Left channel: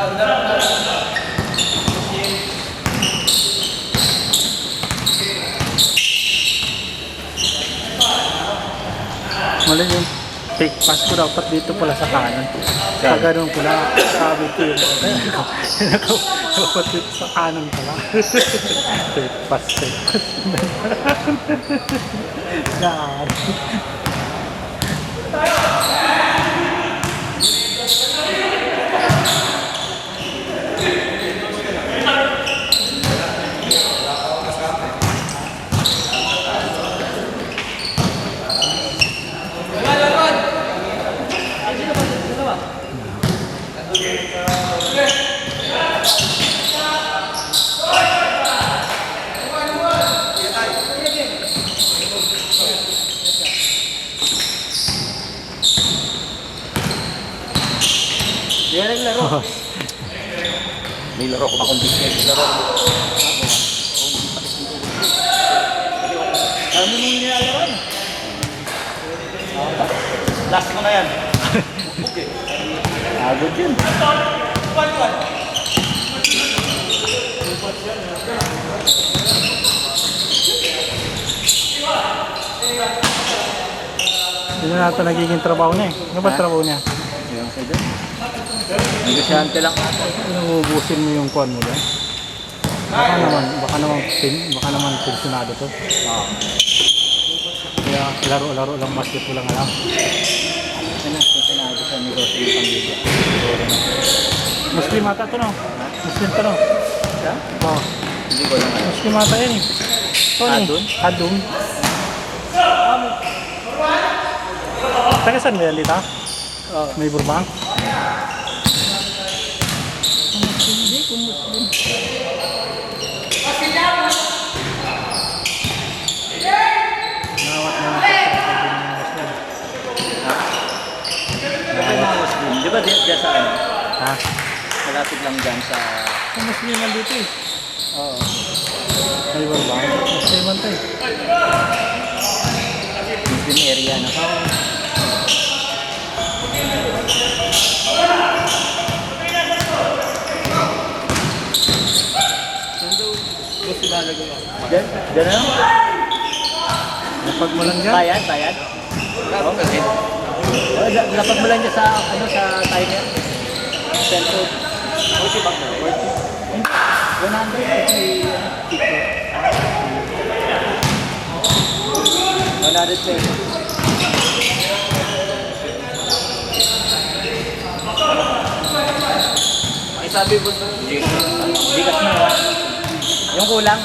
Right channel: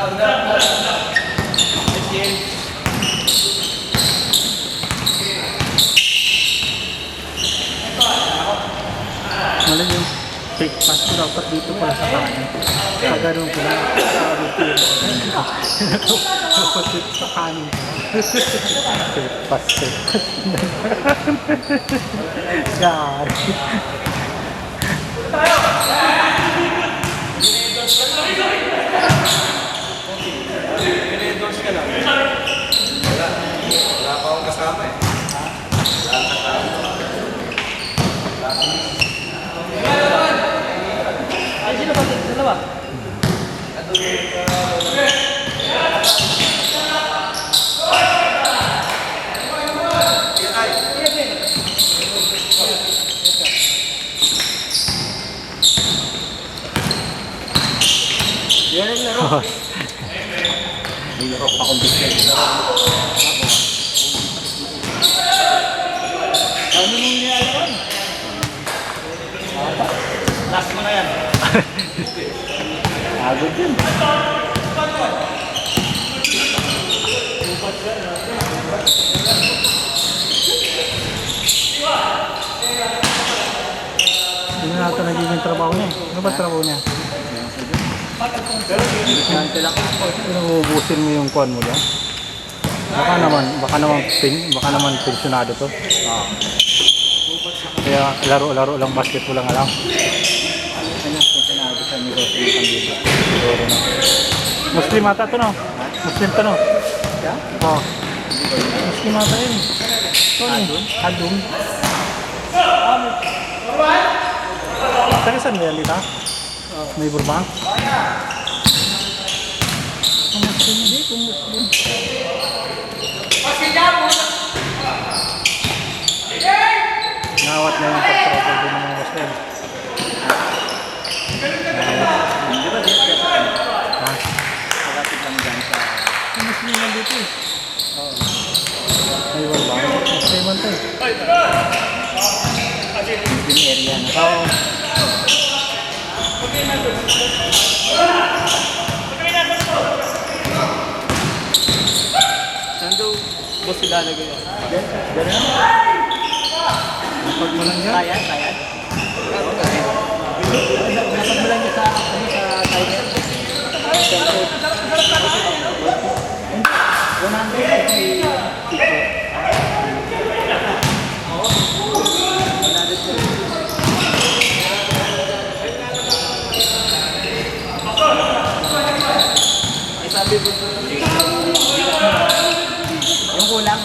Mali yung fake pass ko dapat dito pala sa kanan. Pag ganun ko lang, sabi ko yun. Dapat dito sa kanan pala. Fake pass, fake pass. Yan. Yan ang laro. May laro ko pa kung dito. Ano nung nilalaroan? Last mo na yan. Agod yun. Hindi na ito nagiging trabaho niya. Ano ba trabaho niya? Hindi lang. Inuubusin mo yung kuwan mo dyan. Baka naman pensionado to. Kaya laro-laro lang, basketball lang alam. Pensionado sa negosyo ng pamilya. Muslim ata to no? Muslim to no? Yeah? Oo. Muslim ata yun. Ito ni Hadum. Saan mo yan dito? May Burbank? Hindi, kung Muslim. Nawat na yung pagkakal din ng Muslim. Hindi ba din siya sa ano? Ha? Malapit lang dyan sa... Ang Muslim nandito eh. Oo. May Burbank. Muslim man tayo. Muslim area na. Oo. Gusto lalagay ako. Ganun? Napag mo lang dyan. Bayad? Napag mo lang dyan sa timer? Cellphone? 100 if may picture. 100 po. Ay sabi mo, bigas mo. Yung kulang?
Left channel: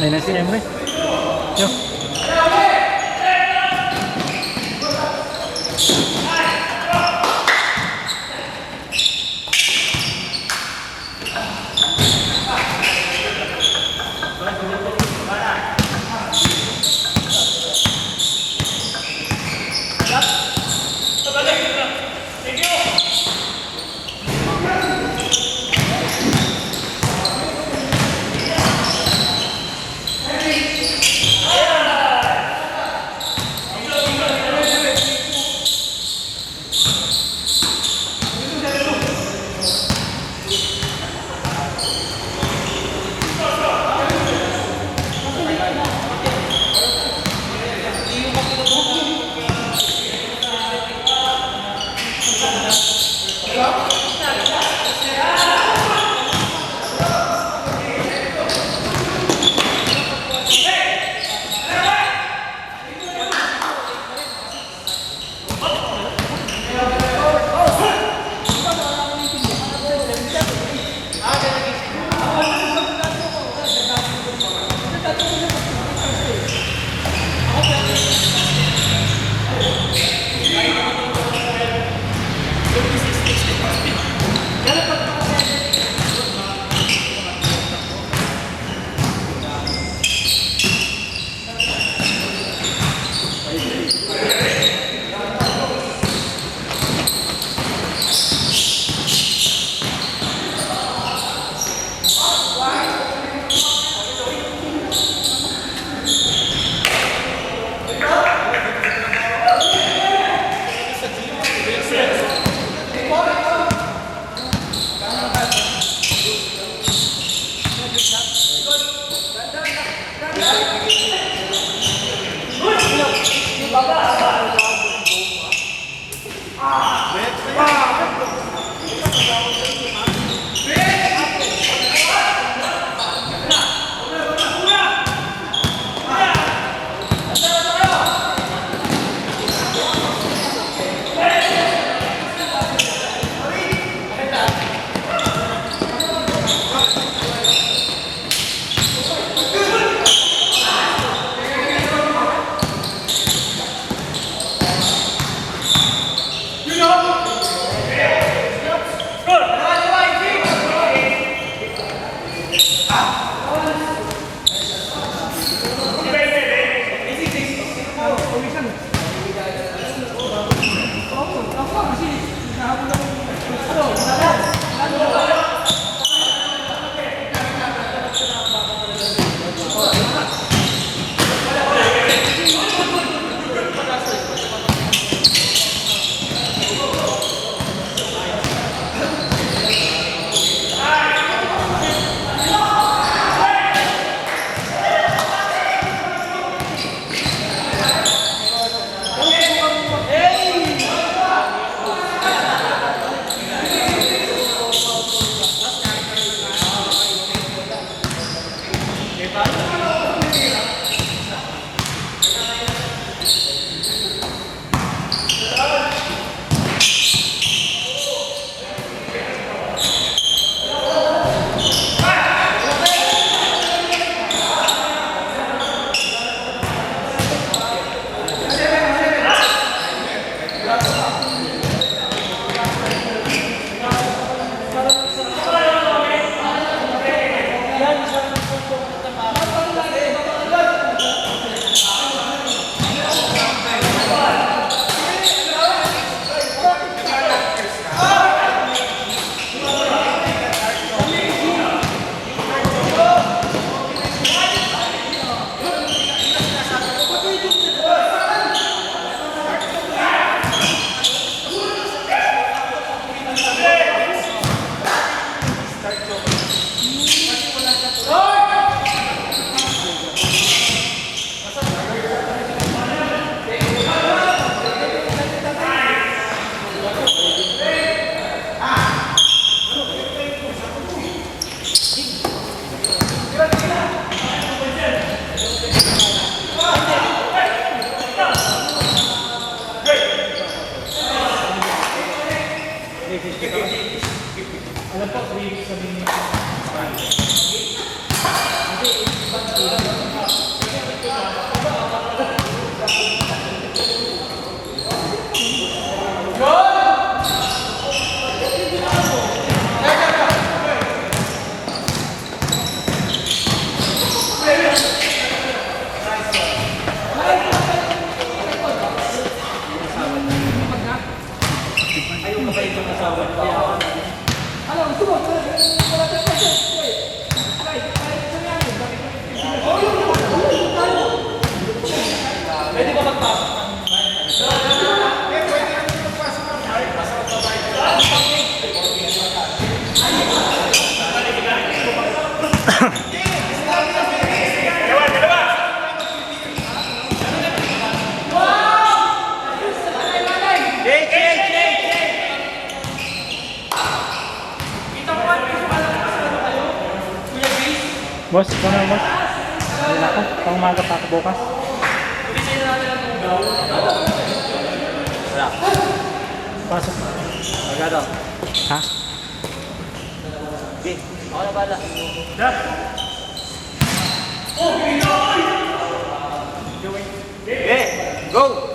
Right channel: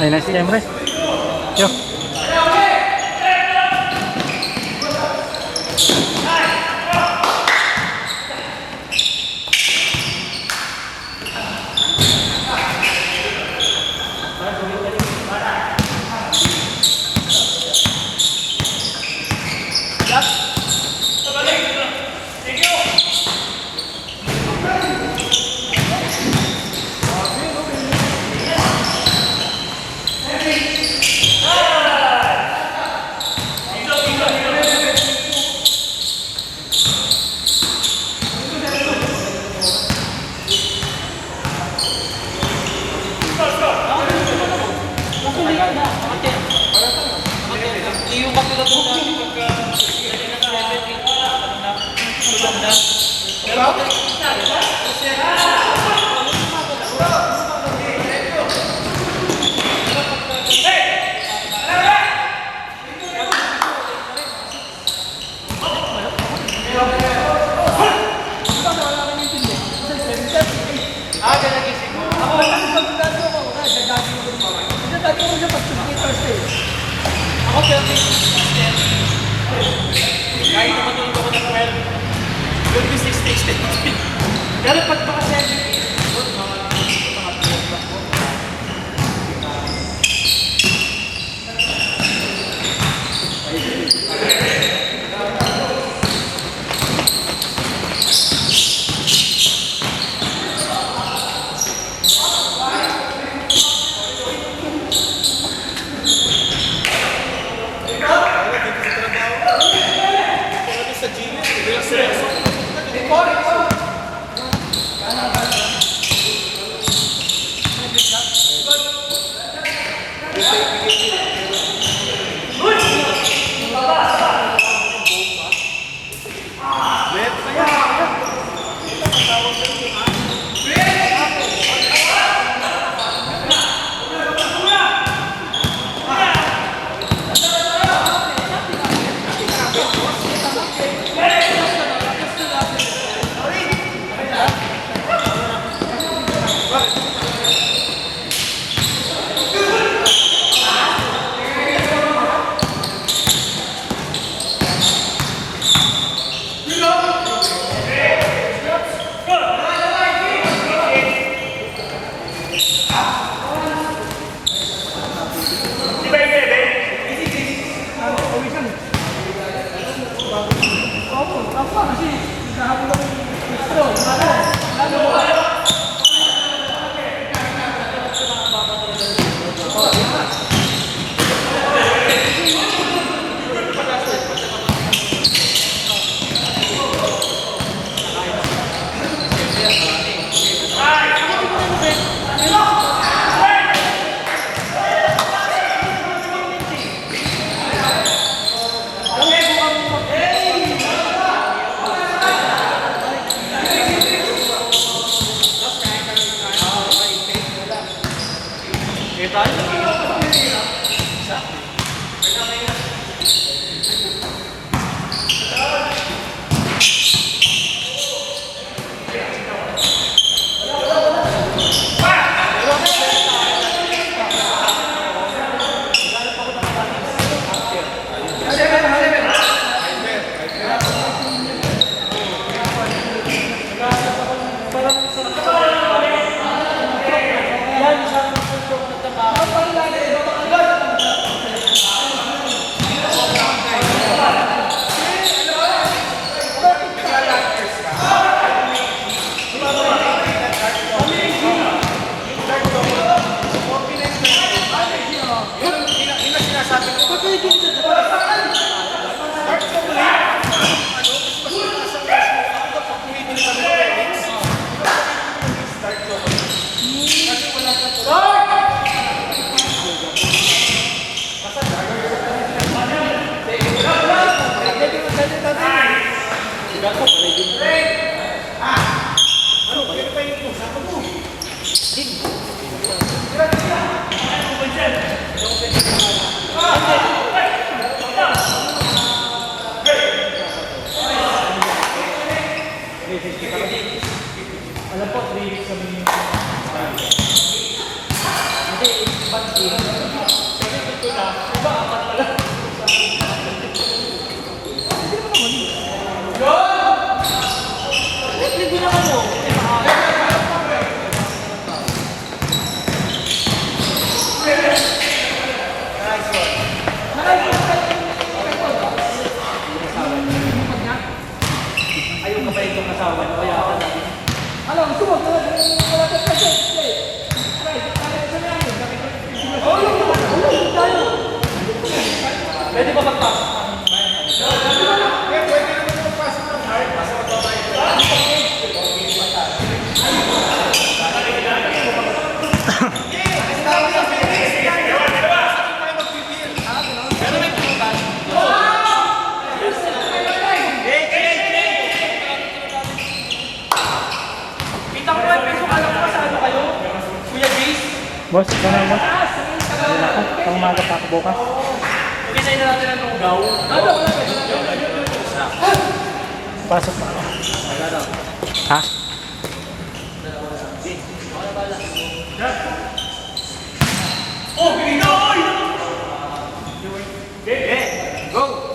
Ay na si Emre. Yo. Alam po, 3 weeks kami nito. Boss, ikaw na boss. Hindi na ako. Pang umaga pa ako bukas. Pasok pa ako. Ha? Go!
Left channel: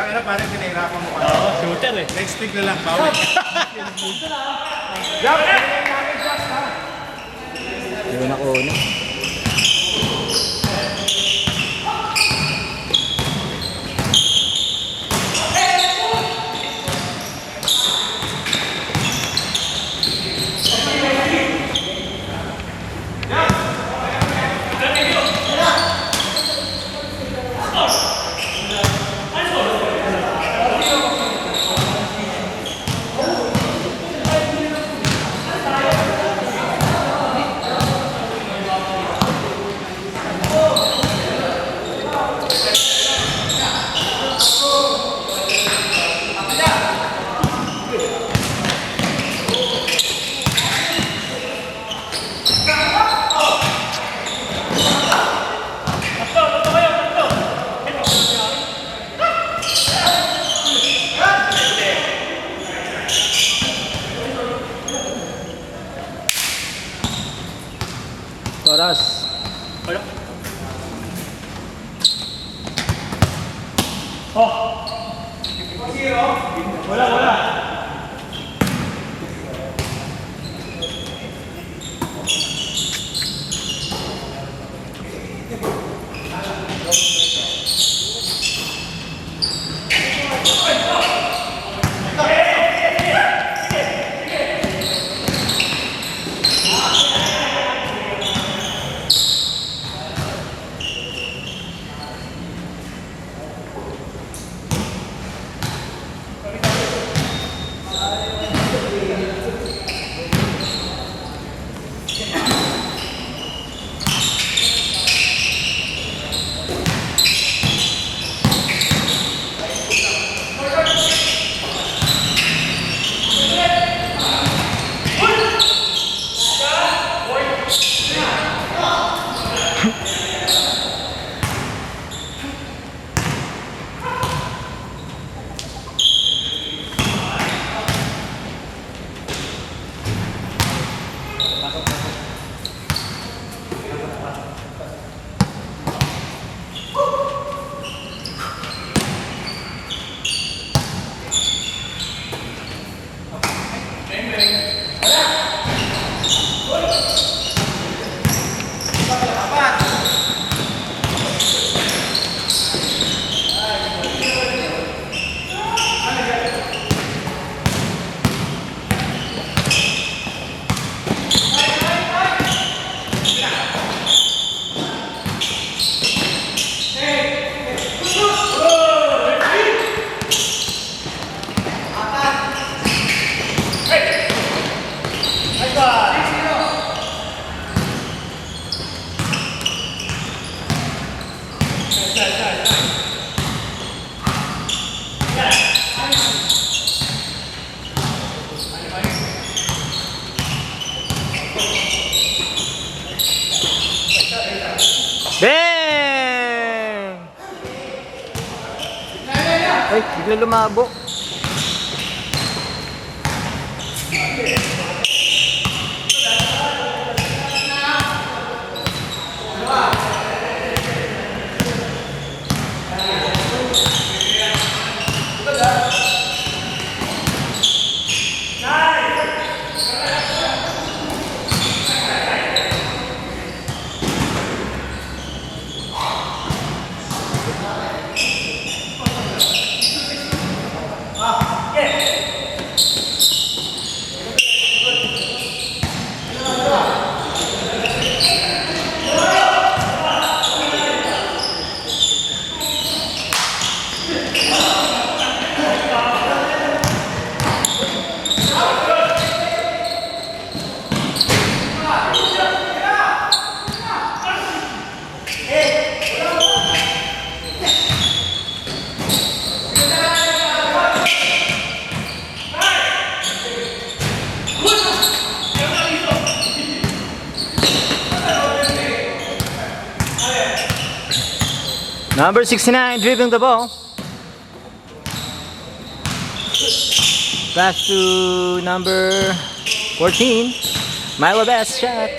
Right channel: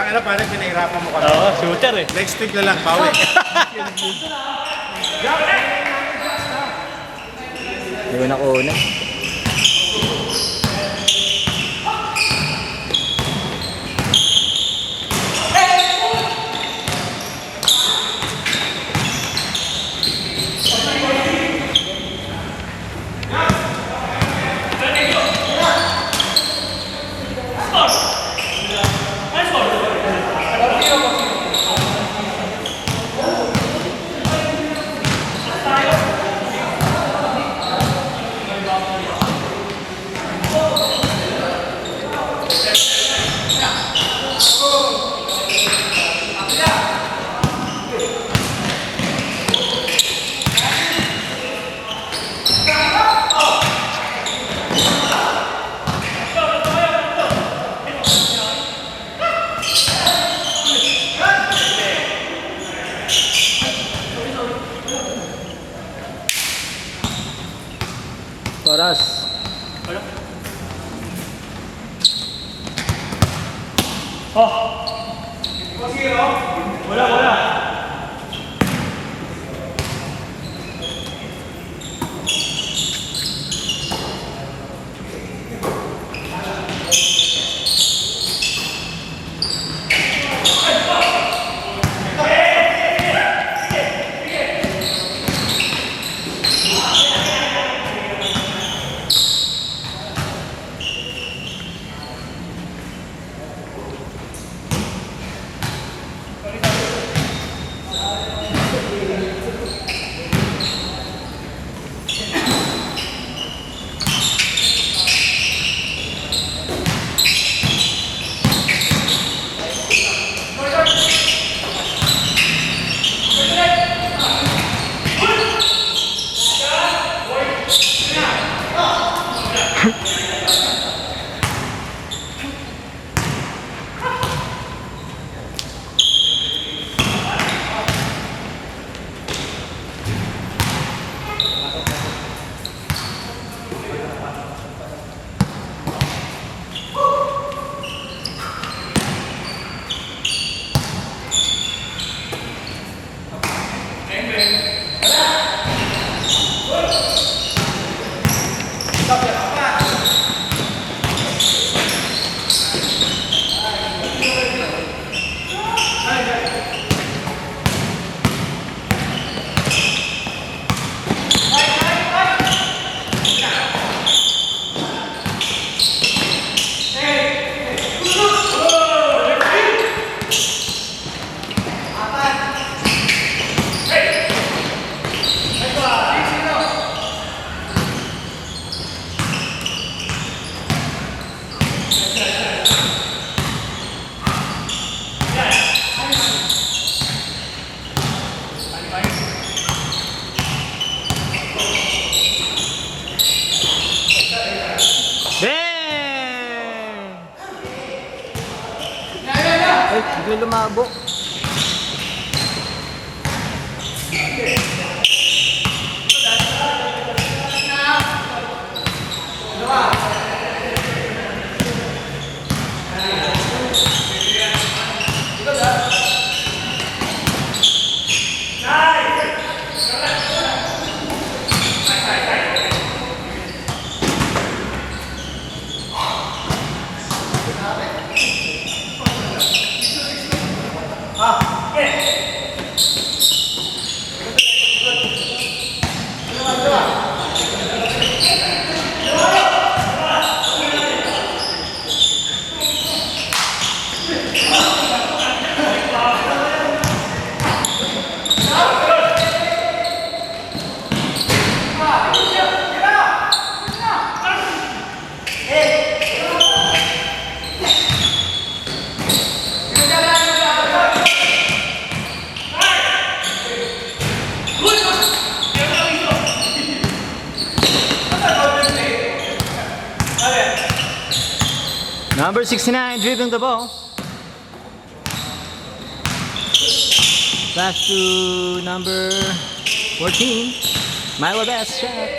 Pakala parang pinahirapan mo ka. Oo, shooter eh. Next week na lang, bawal. Hindi ko nakuha. Oras. Wala. Wala! bigla lumabo. Number 69 dribbling the ball. Pass to number 14. Myla Best shot.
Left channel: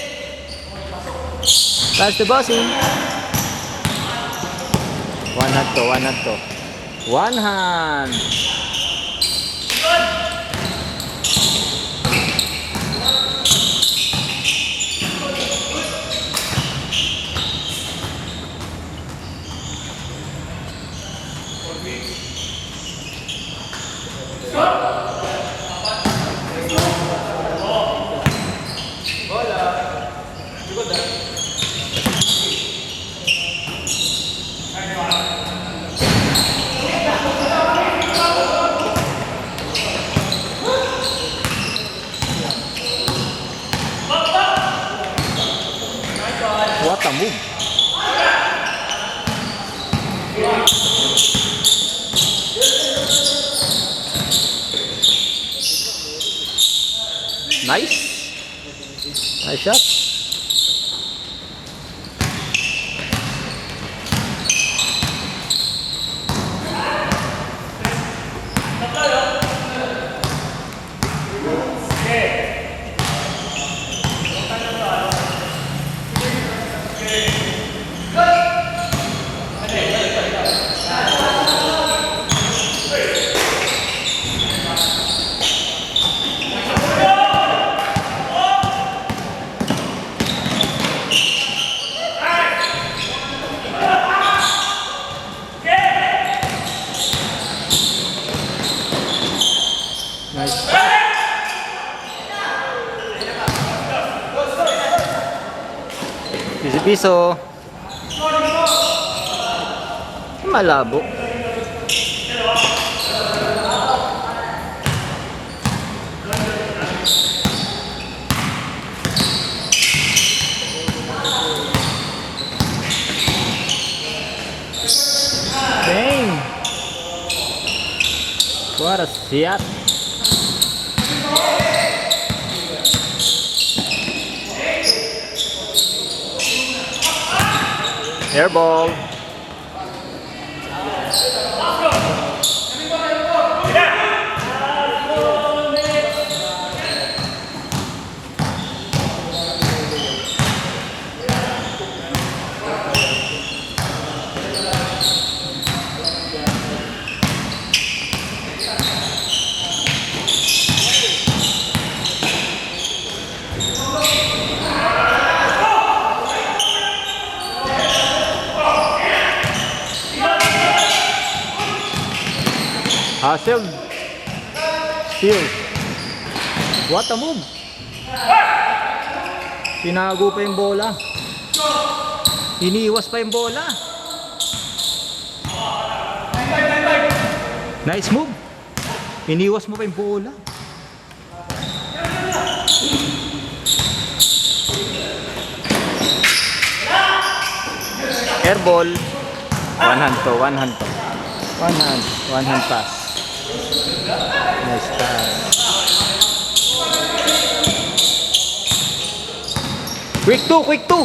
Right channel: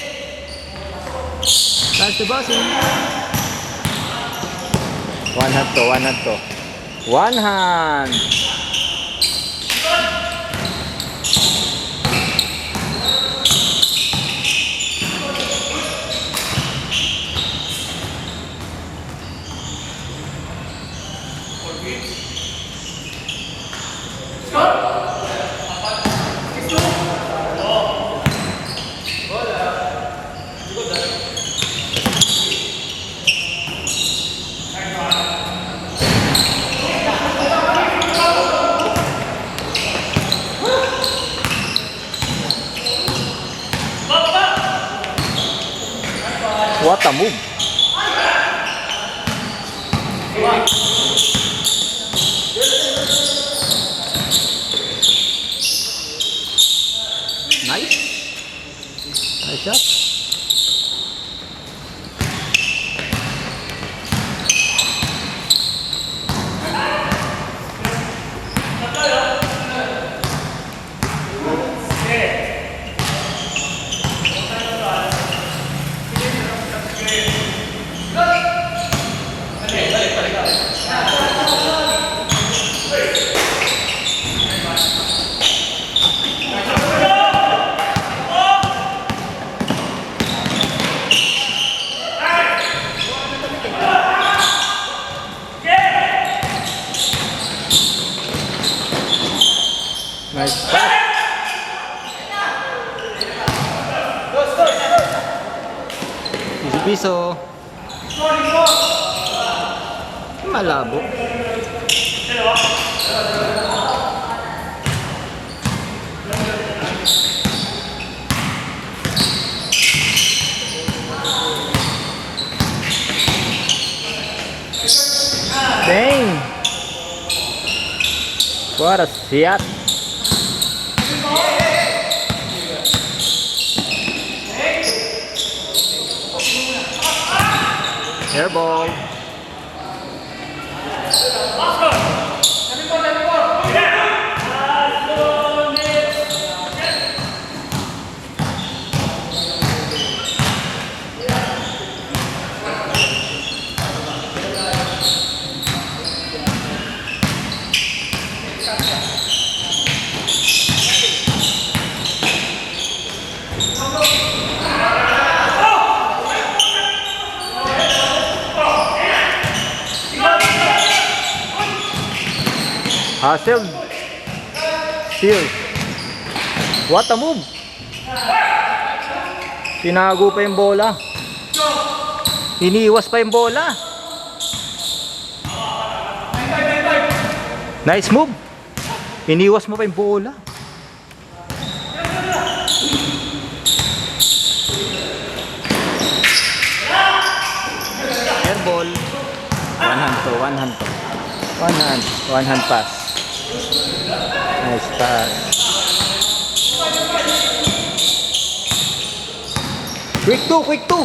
Pass to Bossing. One hand to, one hand to. One hand. What a move. Nice. Nice shot. Nice pass. Easy piso. Malabo. Dang. What a shot. Air ball. Hustle. Steal. What a move. Tinago pa yung bola. Iniiwas pa yung bola. Nice move. Iniiwas mo pa yung bola. Air ball. One hand to, one hand to. One hand pass. Nice pass. Quick two, quick two.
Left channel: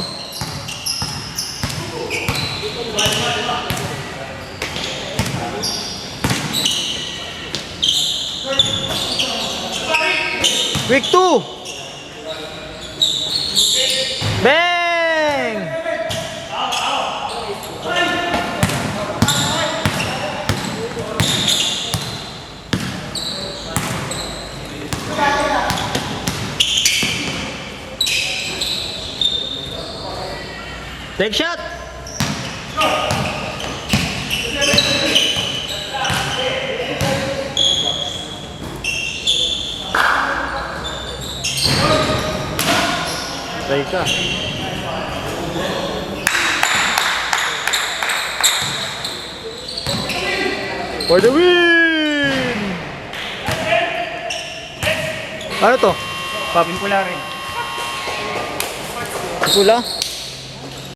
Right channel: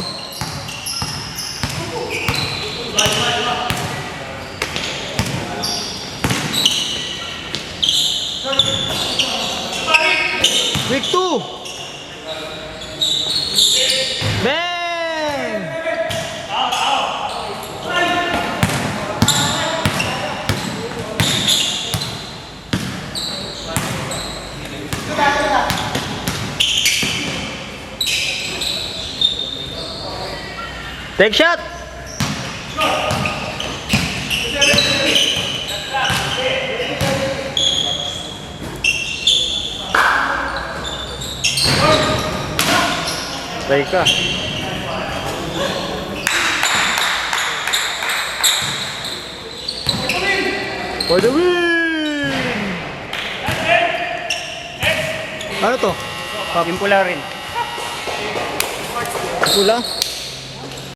Week 2. Bang! Take shot. Try ka. For the win! Ano to? Pula rin. Pula?